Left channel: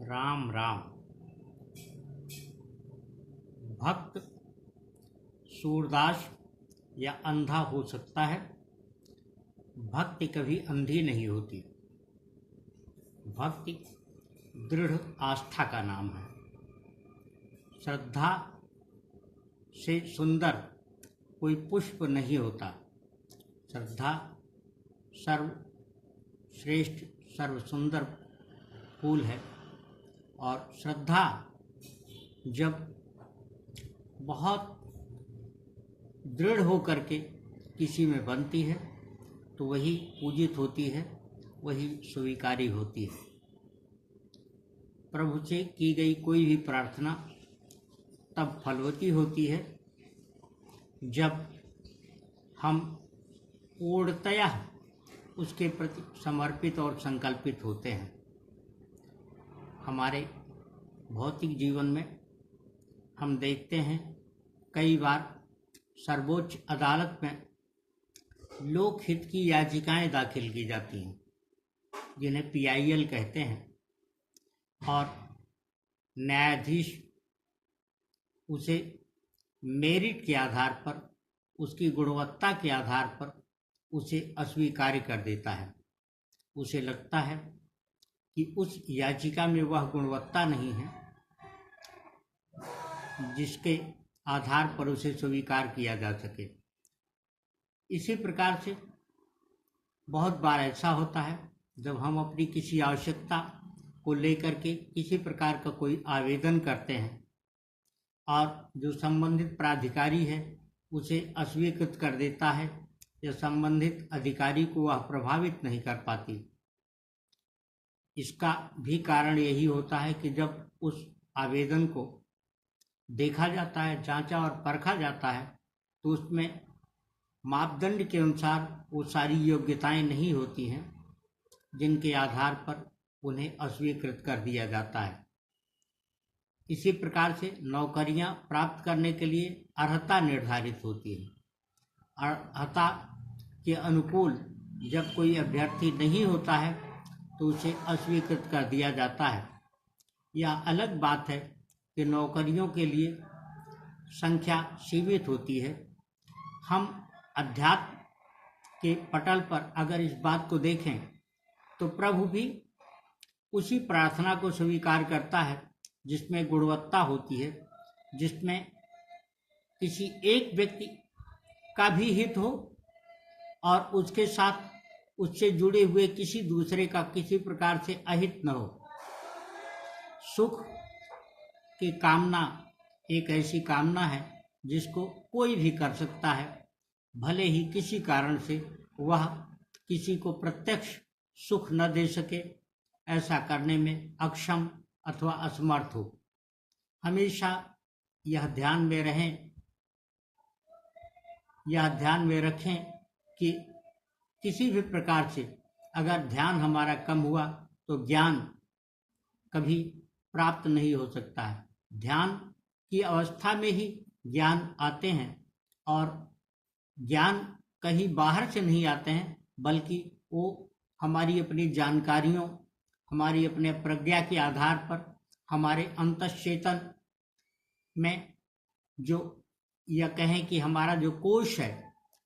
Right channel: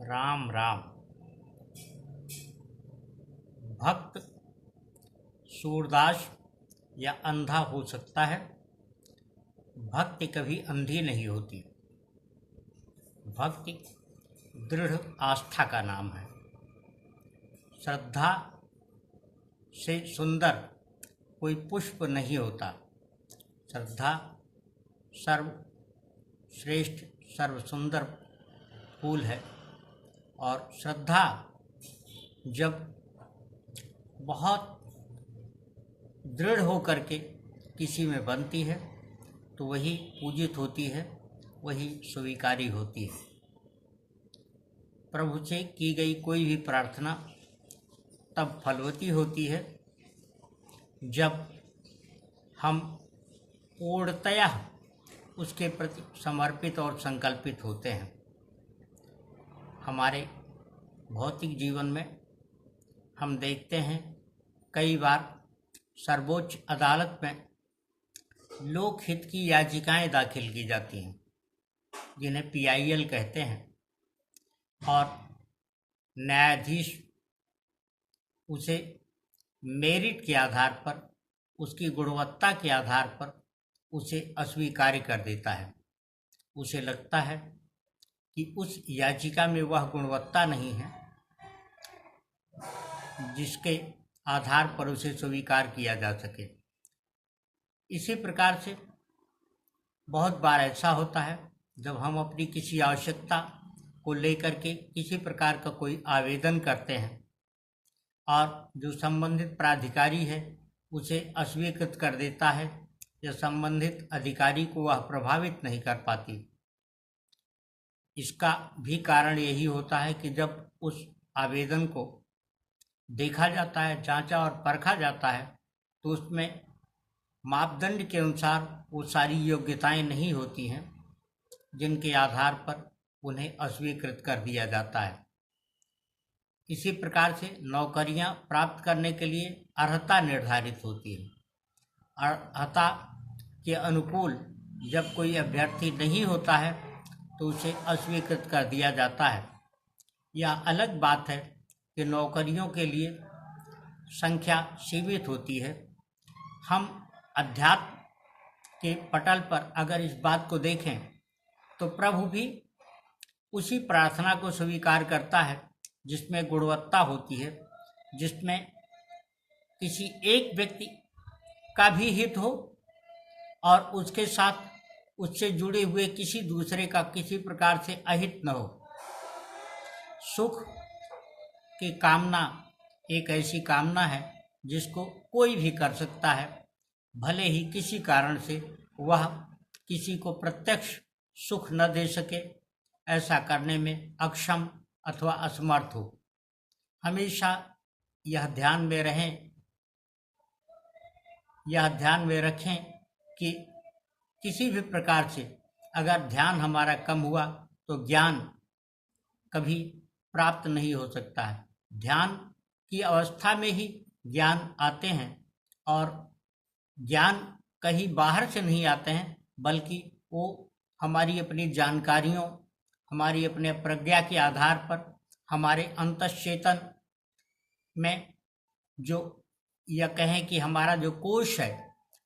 राम राम। भक्त सूरदास या अंधा हो सकता है, भक्ति कभी अंधी नहीं होती। भक्ति दृढ़ आस्था का नाम है। श्रद्धा से सुंदर कोई पुष्प नहीं होता। श्रद्धा सर्वश्रेष्ठ सर्व सुंदर फूल है। और श्रद्धा जब बहुत दृढ़ होकर के किसी में बनती है तो वही पूजित होती है, वही स्वीकारी होती है। प्रभु से की गई कोई भी प्रार्थना तब फलवती होती है जब हम पूर्णतया उसके प्रति समर्पित और संकल्पित होते हैं। हमारे भौतिक जीवन में हम देखते हैं कई बार सर्वोच्च अदालत में लोकहित की याचिकाएं दाखिल की जाती हैं, जिन्हें PIL कहते हैं, और न्यायाधीश उसे मेरिट के आधार पर, उसकी गुणवत्ता के आधार पर उसे अस्वीकार कर देता है। उसे लगता है कि उस याचिका में वह गुणवत्ता नहीं है जिसके आधार पर उसे स्वीकार किया जा सके। इसी प्रकार से बहुत बार ऐसा होता है जब हम अपनी किसी आवश्यकता को लेकर के किसी प्रकार का कोई आवेदन करते हैं और जो संबंधित प्राधिकारी है उसे अस्वीकृत कर देता है या संबंधित अधिकारी को वह प्रभावित नहीं कर पाती। इसका भी कारण यही होता है कि जब उस आवेदन को देखा जाता है, जांचा और परखा जाता है, तो उसमें मापदंड के अनुसार वो सारी योग्यताएं नहीं होती हैं जिनके आधार पर उन्हें अस्वीकृत कर दिया जाता है। इसी प्रकार से नौकरियां प्राप्त करने के लिए अर्हता निर्धारित होती है। अर्हता के अनुकूल जब कोई अभ्यर्थी नहीं होता है तो उसे अस्वीकृत कर दिया जाता है। यह अलग बात है कि नौकरियों के लिए संख्या सीमित होती है। हम अध्यात्म के पटल पर अगर इस बात को देखें तो प्रभु भी उसी प्रार्थना को स्वीकार करता है जिसमें गुणवत्ता होती है, जिसमें किसी एक व्यक्ति का भी हित हो और उसके साथ उससे जुड़े हुए किसी दूसरे का किसी प्रकार से अहित न हो। सुख की कामना एक ऐसी कामना है जिसको कोई भी कर सकता है, भले ही किसी कारण से वह किसी को प्रत्यक्ष सुख न दे सके, ऐसा करने में अक्षम अथवा असमर्थ हो। हमेशा यह ध्यान में रखें कि किसी भी प्रकार से अगर ध्यान हमारा कम हुआ तो ज्ञान कभी प्राप्त नहीं हो सकता है। ध्यान की अवस्था में ही ज्ञान आते हैं, और ज्ञान कहीं बाहर से नहीं आते हैं, बल्कि वो हमारी अपनी जानकारियों, हमारी अपने प्रज्ञा के आधार पर हमारे अंतश्चेतन में जो, या कहें कि हमारा जो कोश है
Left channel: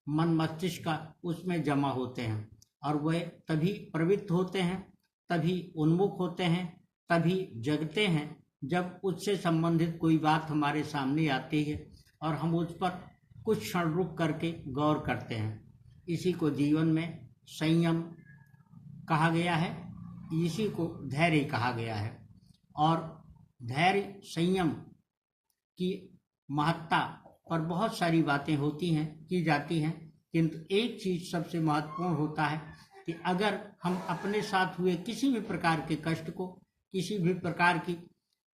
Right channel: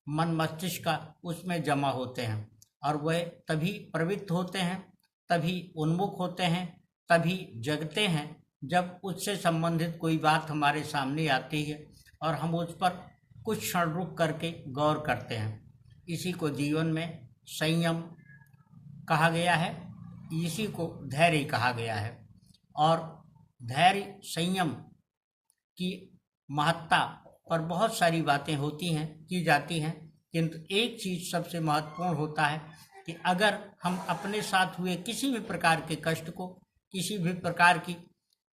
मन मस्तिष्क का, उसमें जमा होते हैं, और वह तभी प्रवृत्त होते हैं, तभी उन्मुख होते हैं, तभी जगते हैं जब उससे संबंधित कोई बात हमारे सामने आती है और हम उस पर कुछ क्षण रुक करके गौर करते हैं। इसी को जीवन में संयम कहा गया है, इसी को धैर्य कहा गया है। और धैर्य संयम की महत्ता पर बहुत सारी बातें होती हैं, की जाती हैं, किंतु एक चीज़ सबसे महत्वपूर्ण होता है कि अगर हम अपने साथ हुए किसी भी प्रकार के कष्ट को, किसी भी प्रकार की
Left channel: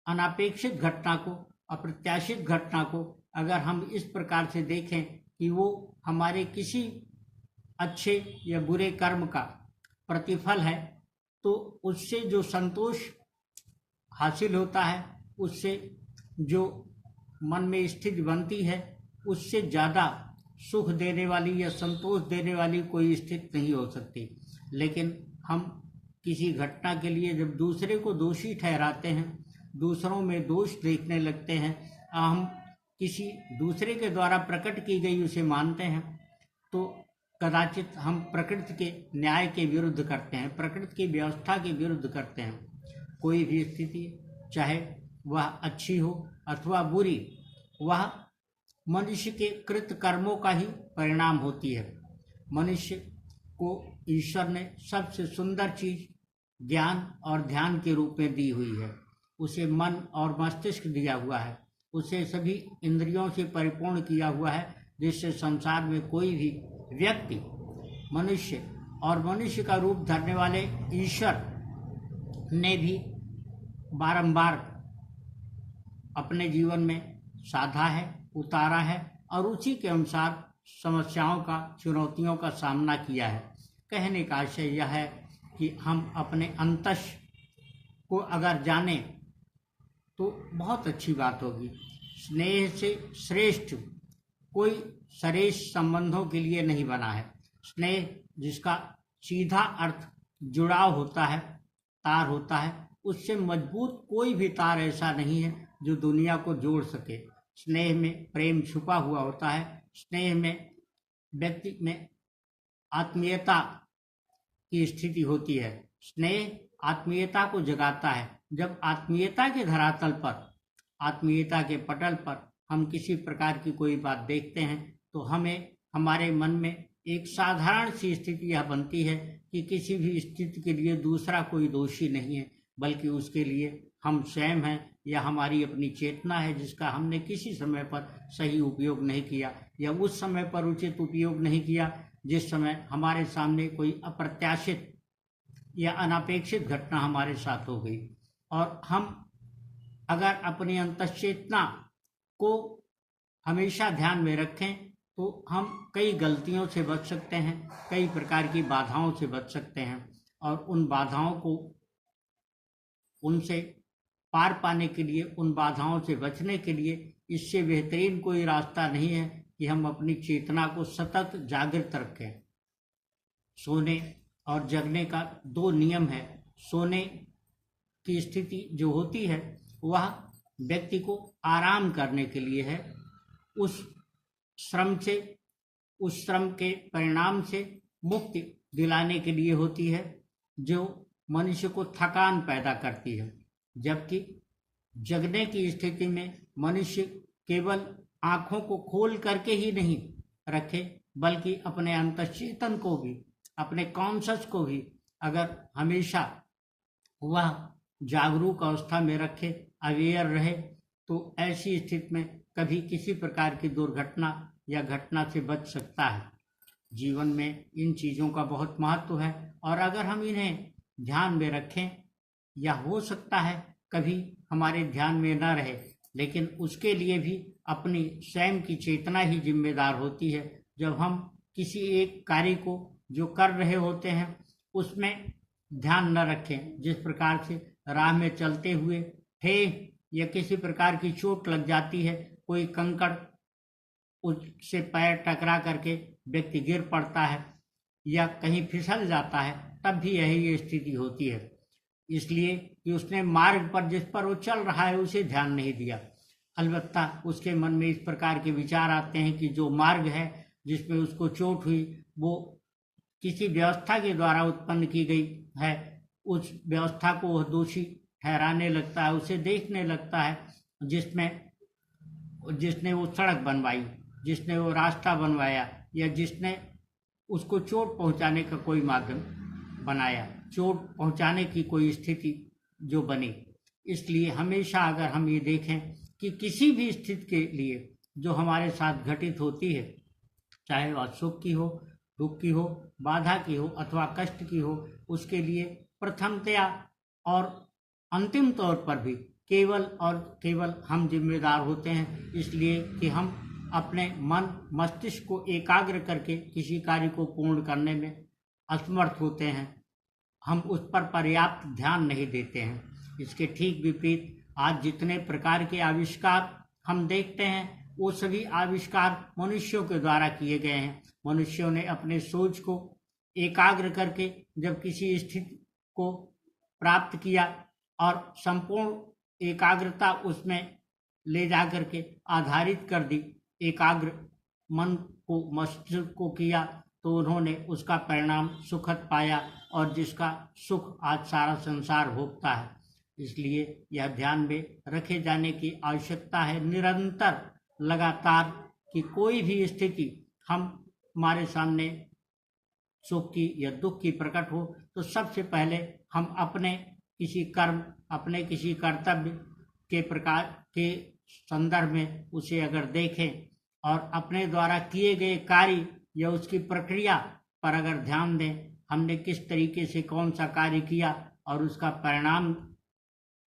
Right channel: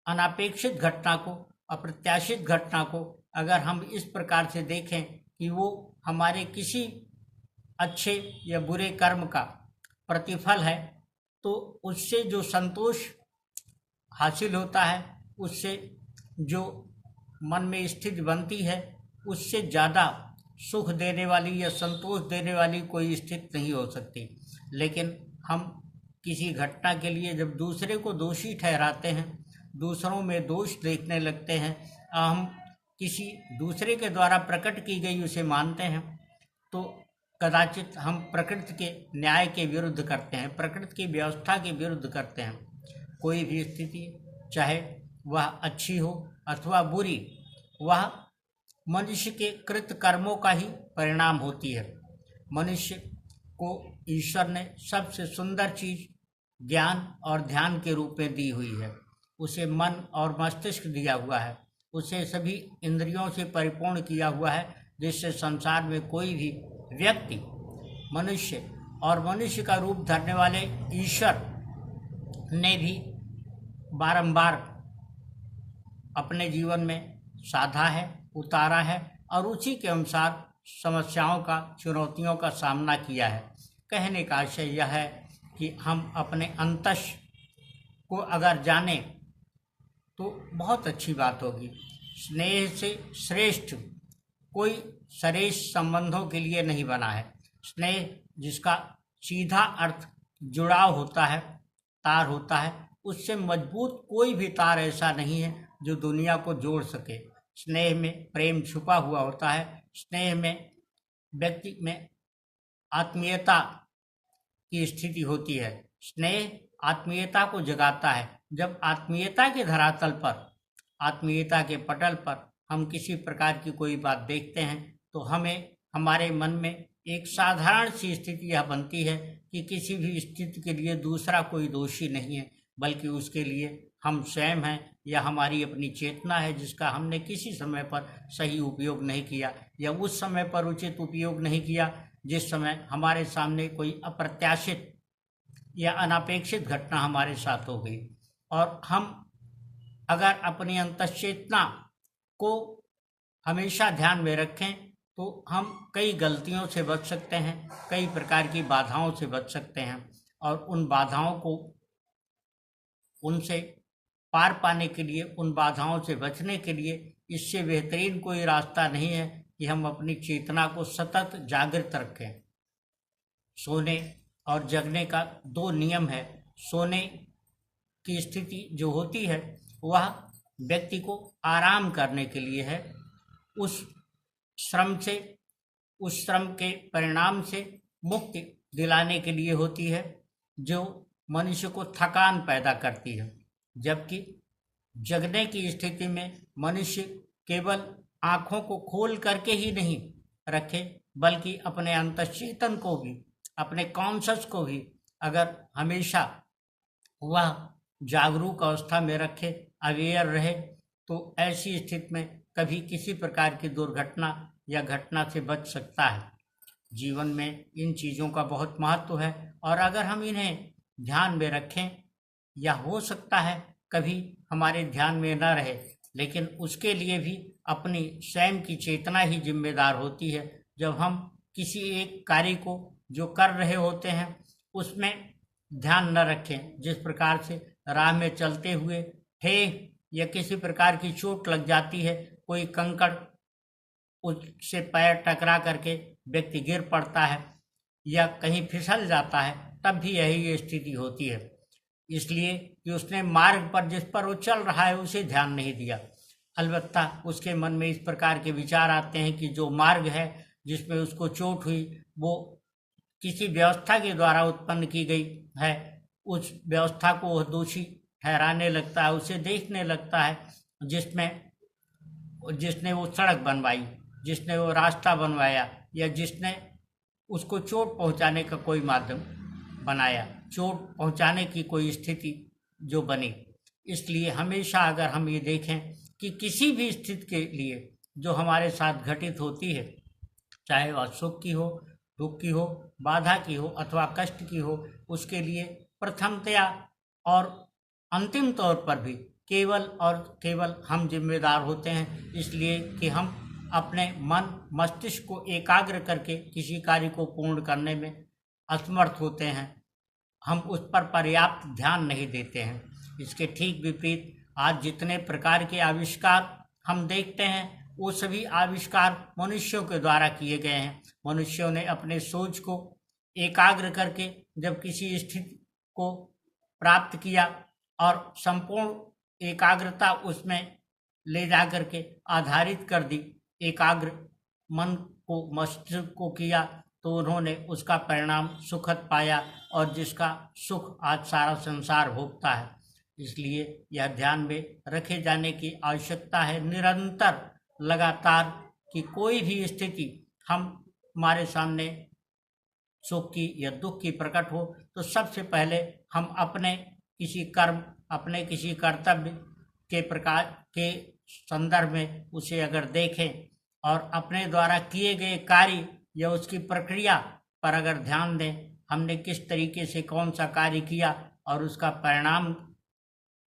अनापेक्षित घटना को, अप्रत्याशित घटना को अगर हम इस प्रकार से देखें कि वो हमारे किसी अच्छे या बुरे कर्म का प्रतिफल है, तो उससे जो संतोष हासिल होता है, उससे जो मन में स्थिति बनती है, उससे ज़्यादा सुख देने वाली या संतोष देने वाली कोई स्थिति नहीं हो सकती। लेकिन हम किसी घटना के लिए जब दूसरे को दोषी ठहराते हैं, दूसरों में दोष देखने लगते हैं, हम किसी दूसरे के द्वारा प्रकट की गई उसे मानते हैं, तो कदाचित हम प्रकृति के न्याय के विरुद्ध करते हैं, प्रकृति की व्यवस्था के विरुद्ध करते हैं। कोई भी स्थिति, चाहे वह अच्छी हो अथवा बुरी, वह मनुष्य के कृत कर्मों का ही परिणाम होती है। मनुष्य को ईश्वर ने सबसे सुंदर चीज ज्ञान और ध्यान के रूप में दी हुई है। उसे मन और मस्तिष्क दिया हुआ है, उसे सभी इंद्रियों से परिपूर्ण किया हुआ है, जिससे संसार में कोई भी व्यक्ति, मनुष्य और मनुष्य का रूप धरने वाले ईश्वर ने भी बारंबार अपने जीवन में साधा है, उतारा है और उसी के अनुसार समस्याओं का, चुनौतियों का सामना किया है। कहने का आशय यह है कि हम अपने अंतस को अगर जाने तो बहुत अच्छी बात होगी। स्नेह से श्रेष्ठ कोई श्रेष्ठ संबंधों के लिए नहीं बना है। स्नेह जिसका सीधा अर्थ जुड़ाव होता है, तार होता है, उससे मजबूत कोई भी तार ऐसा नहीं है जो दुनिया को जोड़ सके। स्नेह में प्रेम छुपा हुआ होता है। स्नेह में व्यक्ति में आत्मीयता की स्थिति होती है। स्नेह आत्मीयता को जगाता है। जब आत्मीयता के धरातल पर, आत्मीयता के पटल पर हम किसी प्रकार की कोई बात देखते हैं तो हमें, हमारे मन में एक साधारण सी स्थिति यह बनती है कि किसी भी स्थिति के लिए दूसरा कोई दोषी नहीं है, बल्कि उसके लिए हम स्वयं हैं या हमारी अपनी चेतना है, जिसका हमने किसी समय पर सही उपयोग नहीं किया या उस समय पर उचित उपयोग नहीं किया जिस समय हमारे सामने कोई अप्रत्याशित या अनापेक्षित घटना हमारे साथ हो गई। और हम अगर अपनी अंतश्चेतना को हमेशा ध्यान में रखें तो हम कई गलतियों से बच सकते हैं, कई प्रकार की बाधाओं से बच सकते हैं। और उन बाधाओं को, उनसे पार पाने के लिए, उन बाधाओं से बचने के लिए इससे बेहतरीन कोई रास्ता नहीं है कि हम अपनी चेतना को सतत जागृत रखें। सोने और जगने का दो नियम है। सोने की स्थिति जो होती है वह व्यक्ति को आराम करने के लिए है, उस श्रम से, उस श्रम के परिणाम से मुक्ति दिलाने के लिए होती है जो मनुष्य को थकान पैदा करती है। जबकि जगने की स्थिति में मनुष्य केवल आँखों को खोल करके ही नहीं रखे, बल्कि अपने अंतश्चेतन को भी, अपने कॉन्शस को भी अगर हमेशा वह जागरूक अवस्था में रखे, अवेयर रहे, तो ऐसी स्थिति में कभी किसी प्रकार की दुर्घटना या घटना से बच सकता है। जीवन में इन चीज़ों का बहुत महत्व है और अगर हम इन्हें ध्यान में रखें, या हो सकता है कभी हमारे ध्यान में न रहे, लेकिन उसके लिए भी अपनी स्वयं की चेतना ही जिम्मेदार होती है। जब हम किसी एक कार्य को जो कर रहे होते हैं उसमें ध्यान न रखें, जिस प्रकार से राह में चलते हुए ठेह या किसी प्रकार की चोट लग जाती है, कोई कंकड़ उससे पैर टकरा करके व्यक्ति गिर पड़ता है या कहीं फिसल जाता है, तब भी यही स्थिति होती है। इसलिए कि उसने मार्ग पर, जिस पर वो चल रहा है, उसे ध्यान नहीं दिया। अलबत्ता उसके मन में इस प्रकार के विचार आते हैं कि जो मार्ग है जिसमें उसको चोट हुई वो किसी व्यवस्था के द्वारा उत्पन्न की गई है, उस व्यवस्था को वह दोषी ठहराने लगता है, उसे देखने लगता है जिसने वो सड़क बनवाई, जिसने वो रास्ता बनवाया या जिसने उसको चोट पहुंचाने का कोई माध्यम बनाया, चोट पहुंचाने की कोई स्थिति जो बनी। इसलिए हमेशा अगर हम ये देखें कि किसी भी स्थिति के लिए जो हमारे साथ घटित होती है, चाहे वह सुख की हो, दुख की हो, बाधा की हो अथवा कष्ट की हो, उसके लिए प्रथमतया और अंतिम तौर पर भी केवल और केवल हम जिम्मेदार होते हैं। इसलिए कि हम अपने मन मस्तिष्क को एकाग्र करके किसी कार्य को पूर्ण करने में असमर्थ होते हैं, हम उस पर पर्याप्त ध्यान नहीं देते हैं। इसके ठीक विपरीत आज जितने प्रकार के आविष्कार हम देखते हैं वो सभी आविष्कार मनुष्यों के द्वारा किए गए हैं। मनुष्यों ने अपने सोच को एकाग्र करके जब किसी स्थिति को प्राप्त किया और संपूर्ण एकाग्रता उसमें ले जाकर के आधारित कर दी, एकाग्र मन को मस्तिष्क को किया, तो उन्होंने उसका परिणाम सुखद पाया और जिसका सुख आज सारा संसार भोगता है। इसलिए यह ध्यान में रखे जाने की आवश्यकता है निरंतर, लगातार, कि कोई भी स्थिति हमारे सामने सुख की या दुख की प्रकट हो तो सबसे पहले हम अपने किसी कर्म, अपने किसी कर्तव्य के प्रकार के संदर्भ में उसे अगर देखें और अपने द्वारा किए गए कार्य या उसकी प्रक्रिया पर अगर ध्यान दें, हमने किस तरीके से कौन सा कार्य किया और उसका परिणाम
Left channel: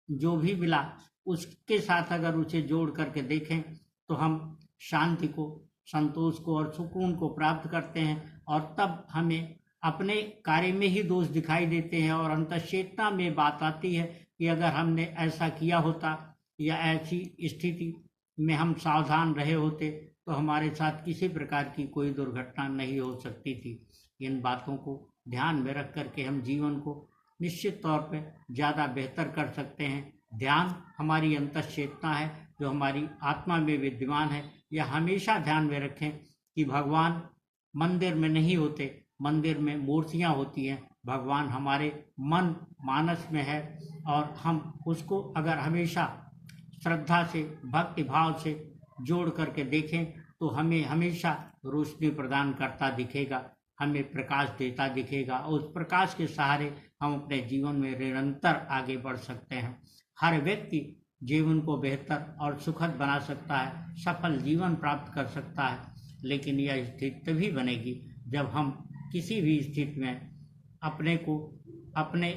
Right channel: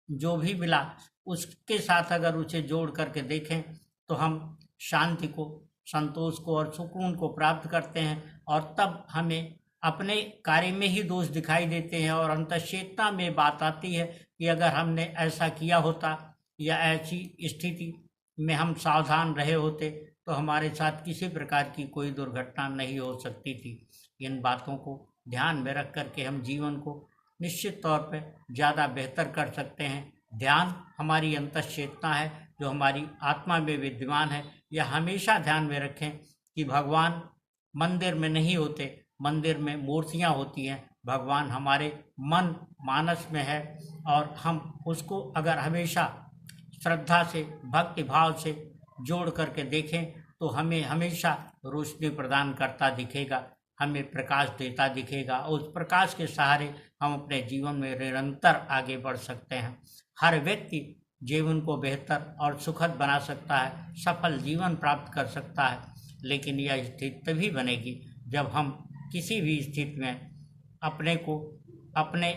जो भी मिला उसके साथ अगर उसे जोड़ करके देखें तो हम शांति को, संतोष को और सुकून को प्राप्त करते हैं। और तब हमें अपने कार्य में ही दोष दिखाई देते हैं और अंतःचेतना में बात आती है कि अगर हमने ऐसा किया होता या ऐसी स्थिति में हम सावधान रहे होते तो हमारे साथ किसी प्रकार की कोई दुर्घटना नहीं हो सकती थी। इन बातों को ध्यान में रख करके हम जीवन को निश्चित तौर पर ज़्यादा बेहतर कर सकते हैं। ध्यान हमारी अंतःचेतना है जो हमारी आत्मा में विद्यमान है। यह हमेशा ध्यान में रखें कि भगवान मंदिर में नहीं होते, मंदिर में मूर्तियाँ होती हैं, भगवान हमारे मन मानस में है और हम उसको अगर हमेशा श्रद्धा से, भक्ति भाव से जोड़ करके देखें तो हमें हमेशा रोशनी प्रदान करता दिखेगा, हमें प्रकाश देता दिखेगा और उस प्रकाश के सहारे हम अपने जीवन में निरंतर आगे बढ़ सकते हैं। हर व्यक्ति जीवन को बेहतर और सुखद बना सकता है, सफल जीवन प्राप्त कर सकता है, लेकिन यह स्थिति तभी बनेगी जब हम किसी भी स्थिति में अपने को अपने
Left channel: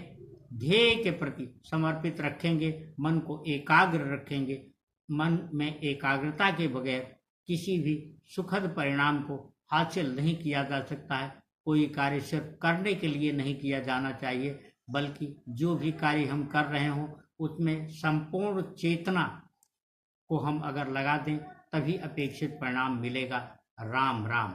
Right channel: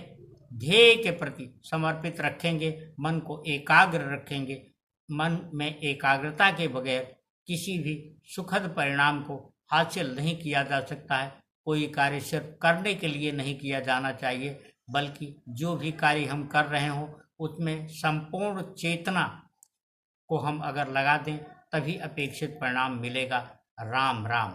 ध्येय के प्रति समर्पित रखेंगे, मन को एकाग्र रखेंगे। मन में एकाग्रता के बगैर किसी भी सुखद परिणाम को हासिल नहीं किया जा सकता है। कोई कार्य सिर्फ करने के लिए नहीं किया जाना चाहिए, बल्कि जो भी कार्य हम कर रहे हों उसमें संपूर्ण चेतना को हम अगर लगा दें तभी अपेक्षित परिणाम मिलेगा। राम राम।